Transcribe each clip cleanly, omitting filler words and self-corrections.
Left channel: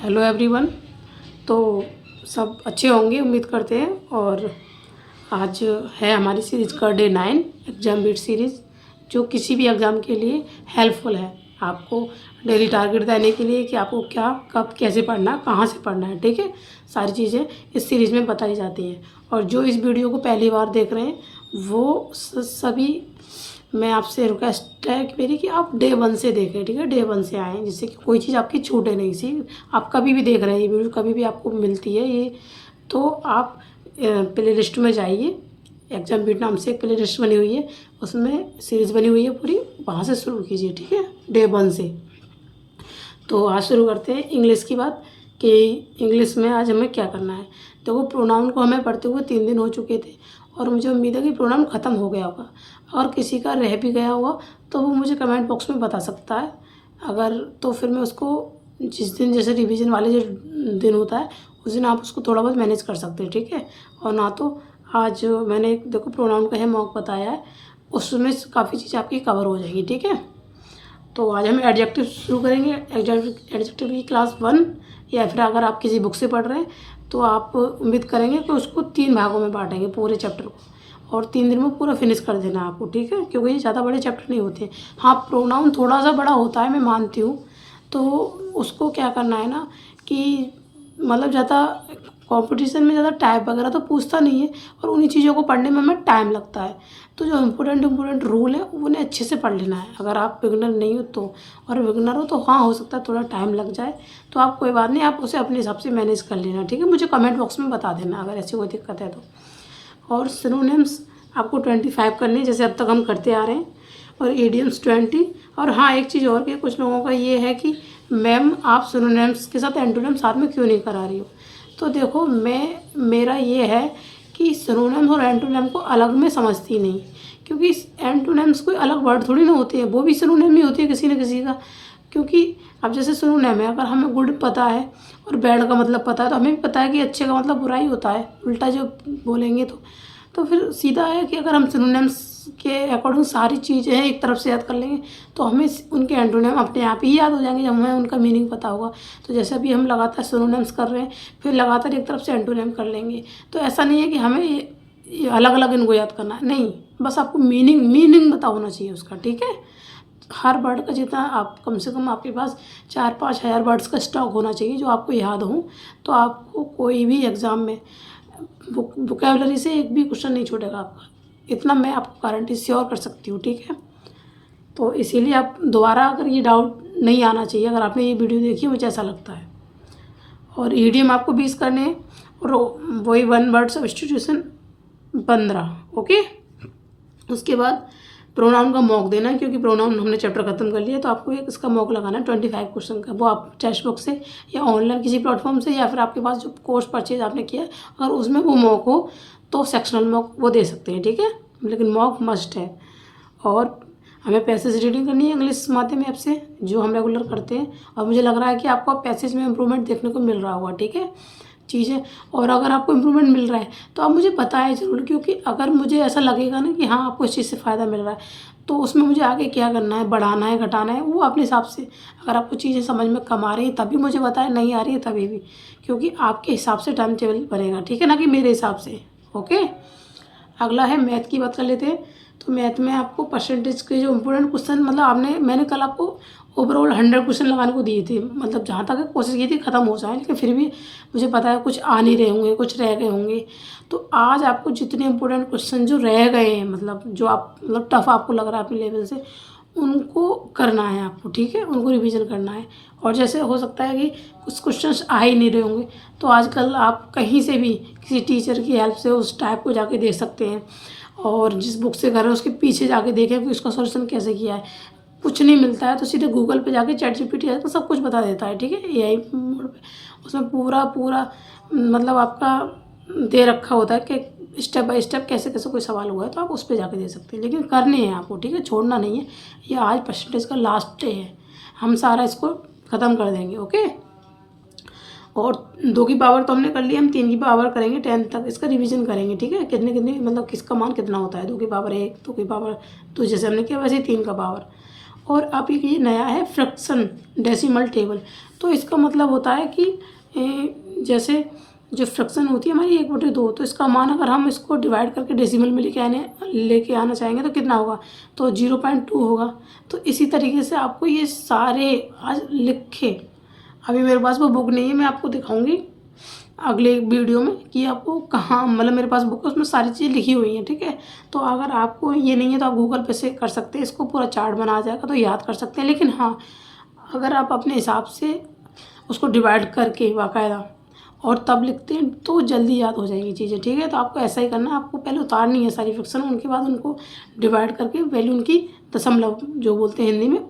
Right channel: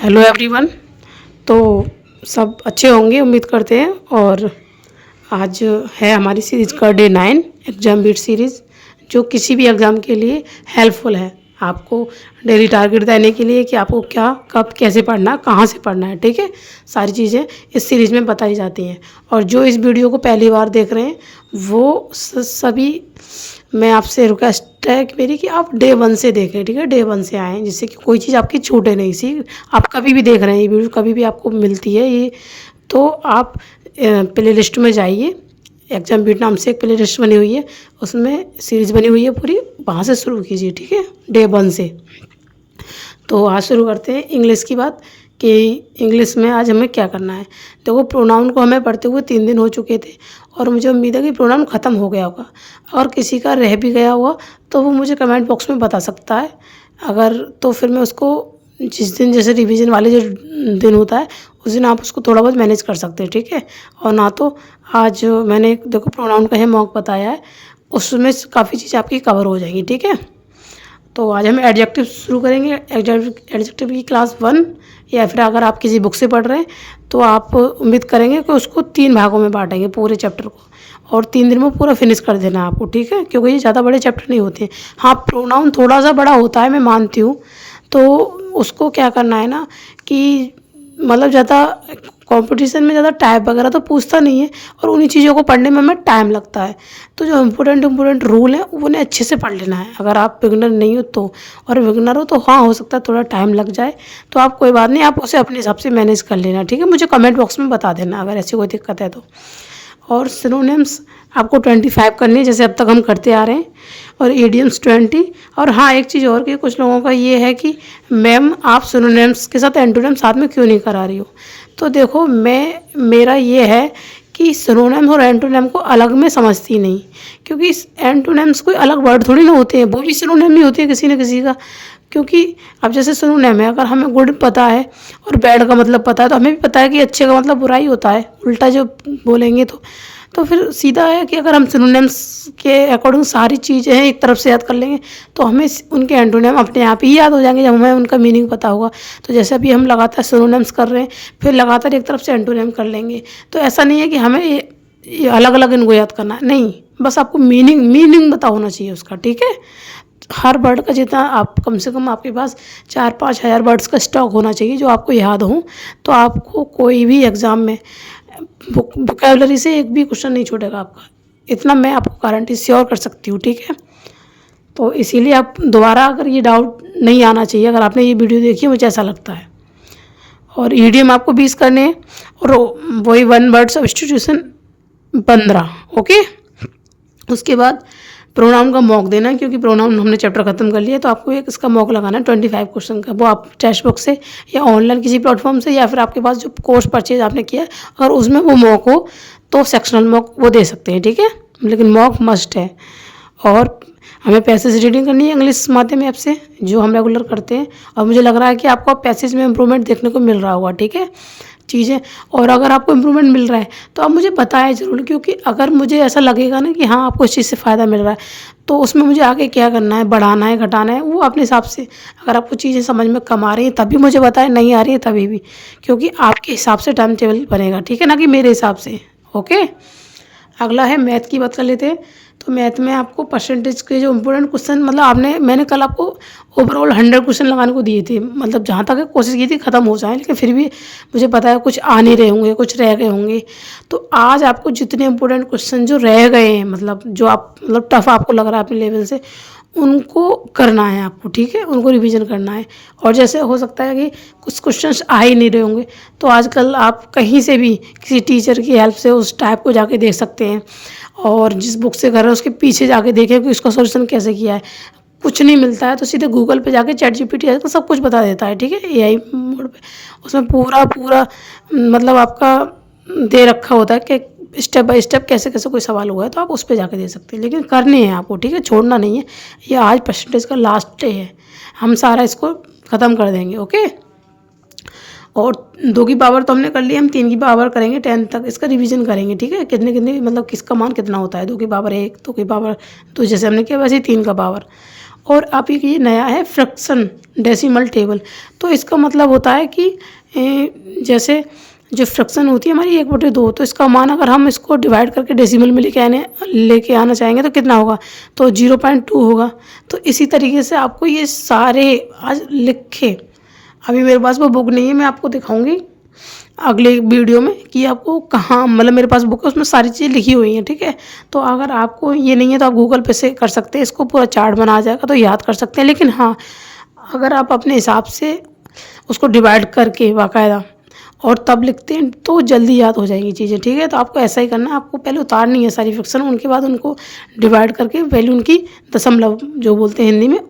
Hello everyone. तो सब अच्छे होंगे उम्मीद करते हैं। और आज है हमारी सीरीज़ का डे 9 एग्ज़ाम बीट सीरीज़, जो किसी भी एग्ज़ाम के लिए हेल्पफुल है। आपको डेली टारगेट देने के लिए कि आपको क्या कब कैसे पढ़ना है, कहाँ से पढ़ना है, ठीक है। सारी चीज़ें इस सीरीज़ में बताई जाती हैं। और जो इस वीडियो को पहली बार देख रहे हैं वो सभी, मैं आपसे रिक्वेस्ट है कि मेरी कि आप डे 1 से देखें, ठीक है। डे 1 से आएँ जिससे कि कोई चीज़ आपकी छूटे नहीं। सी आप कभी भी देख रहे हैं ये वीडियो, कभी भी आपको मिलती है ये, तो आप प्ले लिस्ट में जाइए। एग्जाम बीट नाम से एक प्ले लिस्ट बनी हुई है, उसमें सीरीज़ बनी हुई है पूरी, वहाँ से शुरू कीजिए, ठीक है, डे 1 से। तो आज शुरू करते हैं इंग्लिश की बात कि इंग्लिश में आज हमें क्या करना है। देखो, प्रोनाउन को हमें पढ़ते हुए 3 दिन हो चुके थे और मुझे उम्मीद है कि प्रोनाउन ख़त्म हो गया होगा। अगर किसी का रह भी गया हुआ तो वो मुझे कमेंट बॉक्स में बता सकता है। अगर तो फिर मैं उसको जिस दिन, जैसे रिवीजन वाले जो दिन होता है उस दिन आप उसको थोड़ा बहुत मैनेज कर सकते हैं, ठीक है। और ना तो आज मैंने देखो प्रोनाउन का है मॉक बताया है, उसमें काफ़ी चीज़ें आपकी कवर हो जाएंगी, ठीक है। तो आज हम एडजेक्टिव शुरू करेंगे। एडजेक्टिव की क्लास 1, या फिर अगर आप किसी बुक से पढ़ रहे हैं तो आप उम्मीद करेंगे कि उसको 3 भागों में बांटेंगे पूरे चैप्टर को, और 3 दिन में पूरा फिनिश कर देना है आपको, ठीक है, क्योंकि ये ज़्यादा बड़े चैप्टर नहीं होते हैं। हाँ, प्रोनाउन थोड़ा सा बड़ा होता है, मैं मानती हूँ। तो उसको क्या करना है ना कि मतलब ज़्यादा कंपटीशन में ज़्यादा टाइप वगैरह तो पूछता नहीं है, और उन्हीं चीज़ों को पढ़ने में हमें टाइम लगता है। तो जो इम्पोर्टेंट रूल है उन्हें अच्छे से पढ़ लेना है, अगर आप बिगनर नहीं हो तो। और बिगनर हो तो हाँ, हो सकता है थोड़ा टाइम लग जाए, तो आप कोई बात नहीं, आप उसे अपने हिसाब से मैनेज कर लेना, ठीक है। मुझे कमेंट बॉक्स में बता देना अगर ऐसी कोई दिक्कत है तो। और सिनोनिम्स आपको 25 करनी है, जैसे अब तक हम करते आ रहे हैं, और इडियम्स 20। और हाँ, एक चीज़ और कि कुछ लोगों का ये है कि मैम आप सिनोनिम्स के साथ एंटोनिम साथ में क्यों नहीं करा रही हो। तो देखो, मेरा ये है कि सिनोनिम और एंटोनिम को अलग में समझती नहीं, क्योंकि एंटोनिम्स कोई अलग वर्ड थोड़ी ना होते हैं, वो भी सिनोनिम ही होती है किसी न किसी का। क्योंकि अब जैसे सिनोनिम है, अगर हमें गुड पता है और बैड का मतलब पता है तो हमें भी पता है कि अच्छे का मतलब बुरा ही होता है, उल्टा जो बोलेंगे तो फिर सीधा है कि अगर हम सिनोनिम्स के अकॉर्डिंग सारी चीज़ें हैं एक तरफ से याद कर लेंगे तो हमें उनके एंटोनिम अपने आप ही याद हो जाएंगे जब हमें उनका मीनिंग पता होगा। तो जैसे अभी हम लगातार सिनोनिम्स कर रहे हैं, फिर लगातार एक तरफ से एंटोनिम कर लेंगे। तो ऐसा नहीं है कि हमें ये अलग अलग इनको याद करना है, नहीं, बस आपको मीनिंग पता होना चाहिए उसका, ठीक है। हर वर्ड का जितना आप, कम से कम आपके पास 4-5 हज़ार वर्ड्स का स्टॉक होना चाहिए जो आपको याद हो, तो आपको कोई भी एग्ज़ाम में वोकैबुलरी से एक भी क्वेश्चन नहीं छूटेगा आपका। इतना मैं आपको गारंटी श्योर कर सकती हूँ, ठीक है। तो इसीलिए आप दोबारा अगर ये डाउट नहीं आना चाहिए अगर आपने ये वीडियो देखी है, मुझे ऐसा लगता है। और ईडीएम आपको 20 करने हैं, और वही 1 वर्ड सब्स्टिट्यूशन 15, ओके। उसके बाद प्रोनाउन का मॉक देना है, क्योंकि प्रोनाउन हमने चैप्टर खत्म कर लिया, तो आपको एक इसका मॉक लगाना है 25 क्वेश्चन का। वो आप टेक्स्ट बुक से या ऑनलाइन किसी प्लेटफॉर्म से, या फिर आपके पास जो कोर्स परचेज आपने किया है अगर उसमें वो मॉक हो तो सेक्शनल मॉक वो दे सकते हैं, ठीक है, लेकिन मॉक मस्ट है। और हमें पैसेज रीडिंग करनी है इंग्लिश माध्यम ऐप से, जो हम रेगुलर करते हैं, और मुझे लग रहा है कि आपको पैसेज में इंप्रूवमेंट देखने को मिल रहा होगा, ठीक है चीज़ें। और अगर आपको इम्प्रूवमेंट मिल रहा है तो आप मुझे बताएं ज़रूर, क्योंकि अगर मुझे ऐसा लगेगा ना कि हाँ आपको इस चीज़ से फ़ायदा मिल रहा है, तो उसमें मुझे आगे क्या करना है, बढ़ाना है, घटाना है, वो अपने हिसाब से। अगर आपको चीज़ें समझ में कम आ रही हैं तभी मुझे बताएं, नहीं आ रही है तभी भी, क्योंकि आपके हिसाब से टाइम टेबल बनेगा, ठीक है, ना कि मेरे हिसाब से, ओके। अगला है मैथ की बात कर लेते हैं। तो मैथ में आपको परसेंटेज के जो इम्पोर्टेंट क्वेश्चन, मतलब मैंने कल आपको ओवरऑल 100 क्वेश्चन लगाने को दिए थे, मतलब जहाँ तक कोशिश की थी ख़त्म हो जाए, लेकिन फिर भी मुझे पता है कुछ आ नहीं रहे होंगे, कुछ रह गए होंगे। तो आज आपको जितने इम्पोर्टेंट क्वेश्चन जो रह गए हैं, मतलब जो आप मतलब टफ आपको लग रहा है अपने लेवल से, उनको करना है आपको, ठीक है, उनको रिवीजन करना है। और जैसे हो सकता है कि कुछ क्वेश्चंस आ ही नहीं रहे होंगे, तो आजकल आप कहीं से भी किसी टीचर की हेल्प से उस टाइप को जाके देख सकते हैं, और जिस बुक से कर रहे हैं उसके पीछे जाके देखें कि उसका सॉल्यूशन कैसे किया है। कुछ नहीं मिलता है तो सीधे गूगल पे जाके चैट जीपीटी आजकल सब कुछ बता देता है, ठीक है, एआई मोड पे। उसमें पूरा मतलब आपका दे रखा होता है कि स्टेप बाय स्टेप कैसे कैसे कोई सवाल हुआ है, तो आप उस पर जाके दे सकते हैं, लेकिन करने हैं आपको, ठीक है, छोड़ना नहीं है। ये आज परसेंटेज का लास्ट डे है, हम सारा इसको ख़त्म कर देंगे, ओके। और 2 की पावर तो हमने कर ली, हम 3 की पावर करेंगे 10 तक, इसका रिवीजन करेंगे, ठीक है, कितने कितने मतलब किसका मान कितना होता है, 2 की पावर 1, 2 की पावर 2, जैसे हमने किया वैसे ही 3 का पावर। और आप ये नया है फ्रैक्शन डेसिमल टेबल। तो इसका मतलब होता है कि जैसे जो फ्रैक्शन होती है हमारी 1/2, तो इसका मान अगर हम इसको डिवाइड करके डेसिमल में लेके आना चाहेंगे तो कितना होगा, तो 0.2 होगा। तो इसी तरीके से आपको ये सारे आज लिखे, अभी मेरे पास वो बुक नहीं है, मैं आपको दिखाऊंगी अगले वीडियो में कि आपको कहाँ, मतलब मेरे पास बुक है उसमें सारी चीज़ें लिखी हुई हैं, ठीक है। तो अगर आपको ये नहीं है तो आप गूगल पे से कर सकते हैं, इसको पूरा चार्ट बना आ जाएगा तो याद कर सकते हैं। लेकिन हाँ, अगर आप अपने हिसाब से उसको डिवाइड करके बाकायदा और तब लिखते हैं तो जल्दी याद हो जाएंगी चीज़ें, ठीक है। तो आपको ऐसा ही करना है, आपको पहले उतारनी है सारी फ्रैक्शन, उनके बाद उनको डिवाइड करके वैल्यू उनकी दशमलव जो बोलते हैं हिंदी में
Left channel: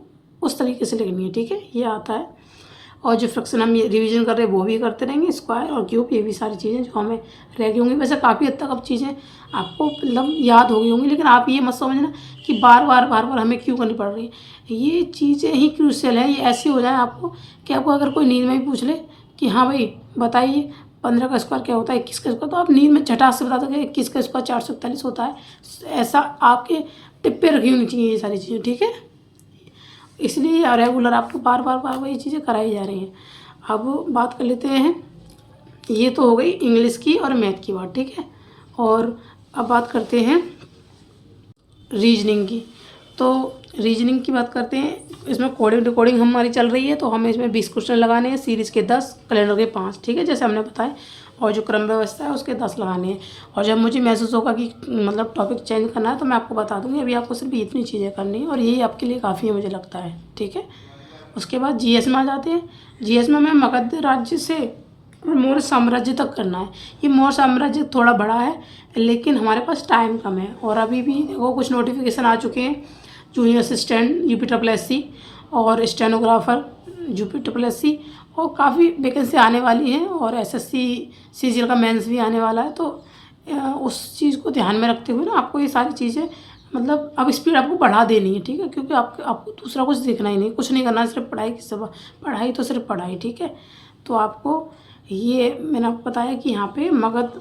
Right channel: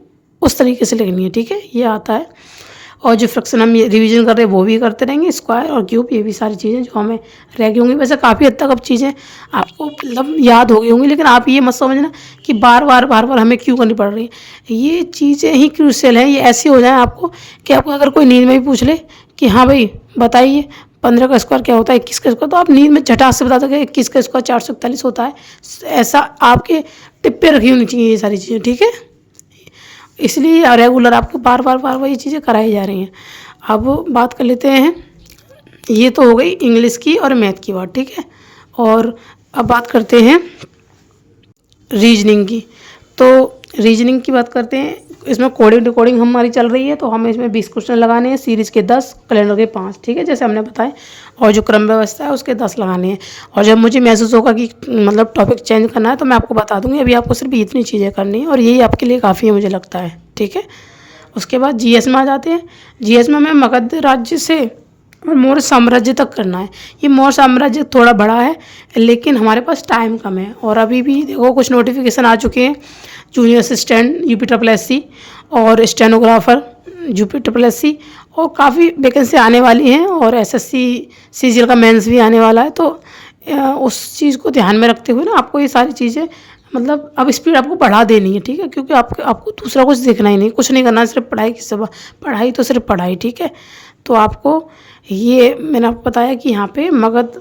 उस तरीके से लिखनी है, ठीक है। ये आता है। और जो फ्रैक्शन हम ये रिवीजन कर रहे हैं वो भी करते रहेंगे, स्क्वायर और क्यूब, ये भी सारी चीज़ें जो हमें रह गई होंगी। वैसे काफ़ी हद तक अब चीज़ें आपको मतलब याद हो गई होंगी, लेकिन आप ये मत समझना कि बार बार हमें क्यों करनी पड़ रही है। ये चीज़ें ही क्रूशियल हैं, ये ऐसे हो जाए आपको कि आपको अगर कोई नींद में भी पूछ ले कि हाँ भाई बताइए 15 का स्क्वायर क्या होता है, 21 का स्क्वायर, तो आप नींद में झटाक से बता दोगे 21 का स्क्वायर 441 होता है। ऐसा आपके टिप्पे रखी होनी चाहिए ये सारी चीज़ें, ठीक है। इसलिए रेगुलर आपको बार बार ये चीज़ें कराई जा रही हैं। अब बात कर लेते हैं, ये तो हो गई इंग्लिश की और मैथ की बात, ठीक है। और अब बात करते हैं रीजनिंग की। तो रीजनिंग की बात करते हैं, इसमें कोडिंग डिकोडिंग हमारी चल रही है, तो हमें इसमें 20 क्वेश्चन लगाने हैं, सीरीज़ के 10, कैलेंडर के 5, ठीक है, जैसे हमने बताया। और जो क्रम व्यवस्था है उसके 10 लगाने हैं। और जब मुझे महसूस होगा कि मतलब टॉपिक चेंज करना है तो मैं आपको बता दूंगी। अभी आपको सिर्फ इतनी चीज़ें करनी है और यही आपके लिए काफ़ी है मुझे लगता है, ठीक है। उसके बाद जीएस में आ जाते हैं। जीएस में हमें मगध राज्य से और मौर्य साम्राज्य तक करना है। ये मौर्य साम्राज्य थोड़ा बड़ा है लेकिन हमारे पास टाइम कम है। और अभी भी देखो कुछ नोटिफिकेशन आ चुके हैं, जूनियर असिस्टेंट UPSSC और स्टेनोग्राफर UPSSC, और काफ़ी वैकेंसी आने वाली हैं। और SSC CGL का मेंस भी आने वाला है। तो उस चीज़ को ध्यान में रखते हुए ना आपको ये सारी चीज़ें मतलब अब स्पीड आपको बढ़ा देनी है, ठीक है, क्योंकि आपको दूसरा कुछ देखना ही नहीं, कुछ नहीं करना, सिर्फ पढ़ाई की सब पढ़ाई तो सिर्फ पढ़ाई, ठीक है। तो आपको ये मैंने आपको बताया कि यहाँ पे मगध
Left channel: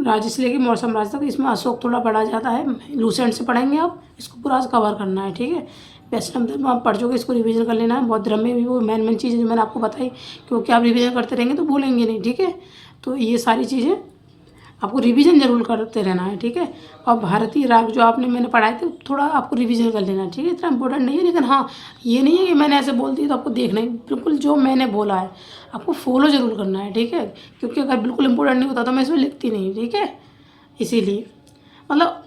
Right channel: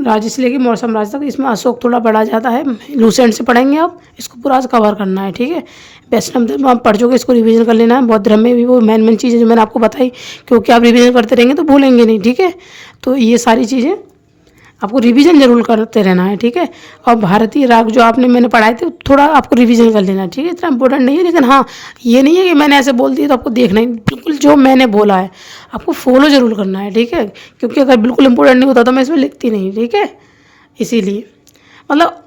राज्य से लेकर मौर्य साम्राज्य तक, इसमें अशोक थोड़ा बढ़ा जाता है। लूसेंट से पढ़ेंगे आप, इसको पूरा कवर करना है, ठीक है। वैष्णव धर्म आप पढ़ चुके, इसको रिवीजन कर लेना है। बौद्ध धर्म में भी वो मेन चीज़ें जो मैंने आपको बताई, क्योंकि आप रिवीजन करते रहेंगे तो भूलेंगे नहीं, ठीक है। तो ये सारी चीज़ें आपको रिवीजन जरूर करते रहना है, ठीक है। और भारतीय राग जो मैंने पढ़ाए थे थोड़ा आपको रिवीजन कर लेना है, ठीक है। इतना इंपॉर्टेंट नहीं है, लेकिन हाँ ये नहीं है कि मैंने ऐसे बोल दिया तो आपको देखना ही, बिल्कुल जो मैंने बोला है आपको फॉलो जरूर करना है, ठीक है। क्योंकि अगर बिल्कुल इंपॉर्टेंट नहीं होता तो मैं इसमें लिखती नहीं, ठीक है। इसीलिए मतलब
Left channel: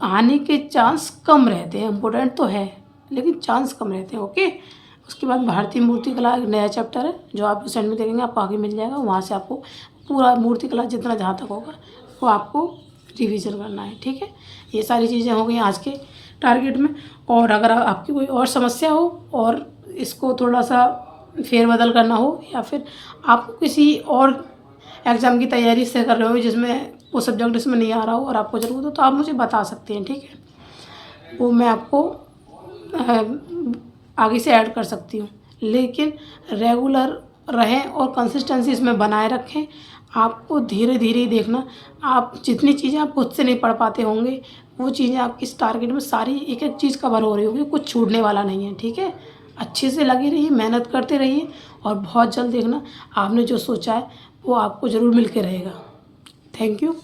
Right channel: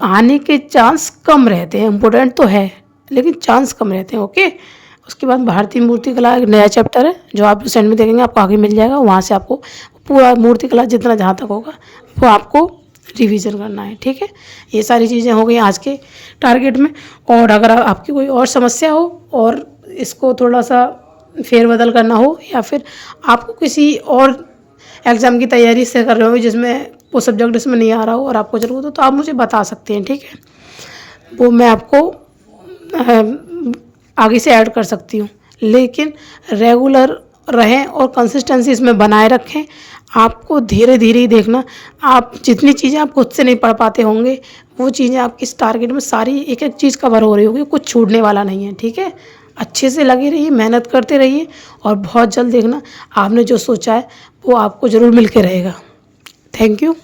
आने के चांस कम रहते हैं, इम्पोर्टेंट तो है लेकिन चांस कम रहते हैं, ओके। उसके बाद भारतीय मूर्तिकला एक नया चैप्टर है जो आप रिसेंट में देखेंगे, आपको आगे मिल जाएगा। वहाँ से आपको पूरा मूर्तिकला जितना जहाँ तक होगा वो आपको रिवीजन करना है, ठीक है। ये सारी चीज़ें हो गई आज के टारगेट में। और अगर आपकी कोई और समस्या हो और इसको थोड़ा सा फेरबदल करना हो, या फिर आपको किसी और एग्ज़ाम की तैयारी से कर रहे हो जिसमें वो सब्जेक्ट इसमें नहीं आ रहा हो और आपको ज़रूरत हो, तो आप मुझे बता सकते हैं, ठीक है। वो मैं आपको आगे से ऐड कर सकती हूँ। लेकिन रेगुलर रहें और कंसिस्टेंसी इसमें बनाए रखें। आपको धीरे धीरे ही देखना, आप जितनी चीज़ें आप खुद से नहीं पढ़ पाते होंगे वो चीज़ें आपकी इस टारगेट में सारी एक एक चीज़ कवर हो रही होगी, कुछ छूटने वाला नहीं है, ठीक है। अच्छे से लगे रहिए, मेहनत करते रहिए और बहुत जल्द देखना आपने जो सोचा है वो आपको ज़रूर मिल के रहेगा। Thank you.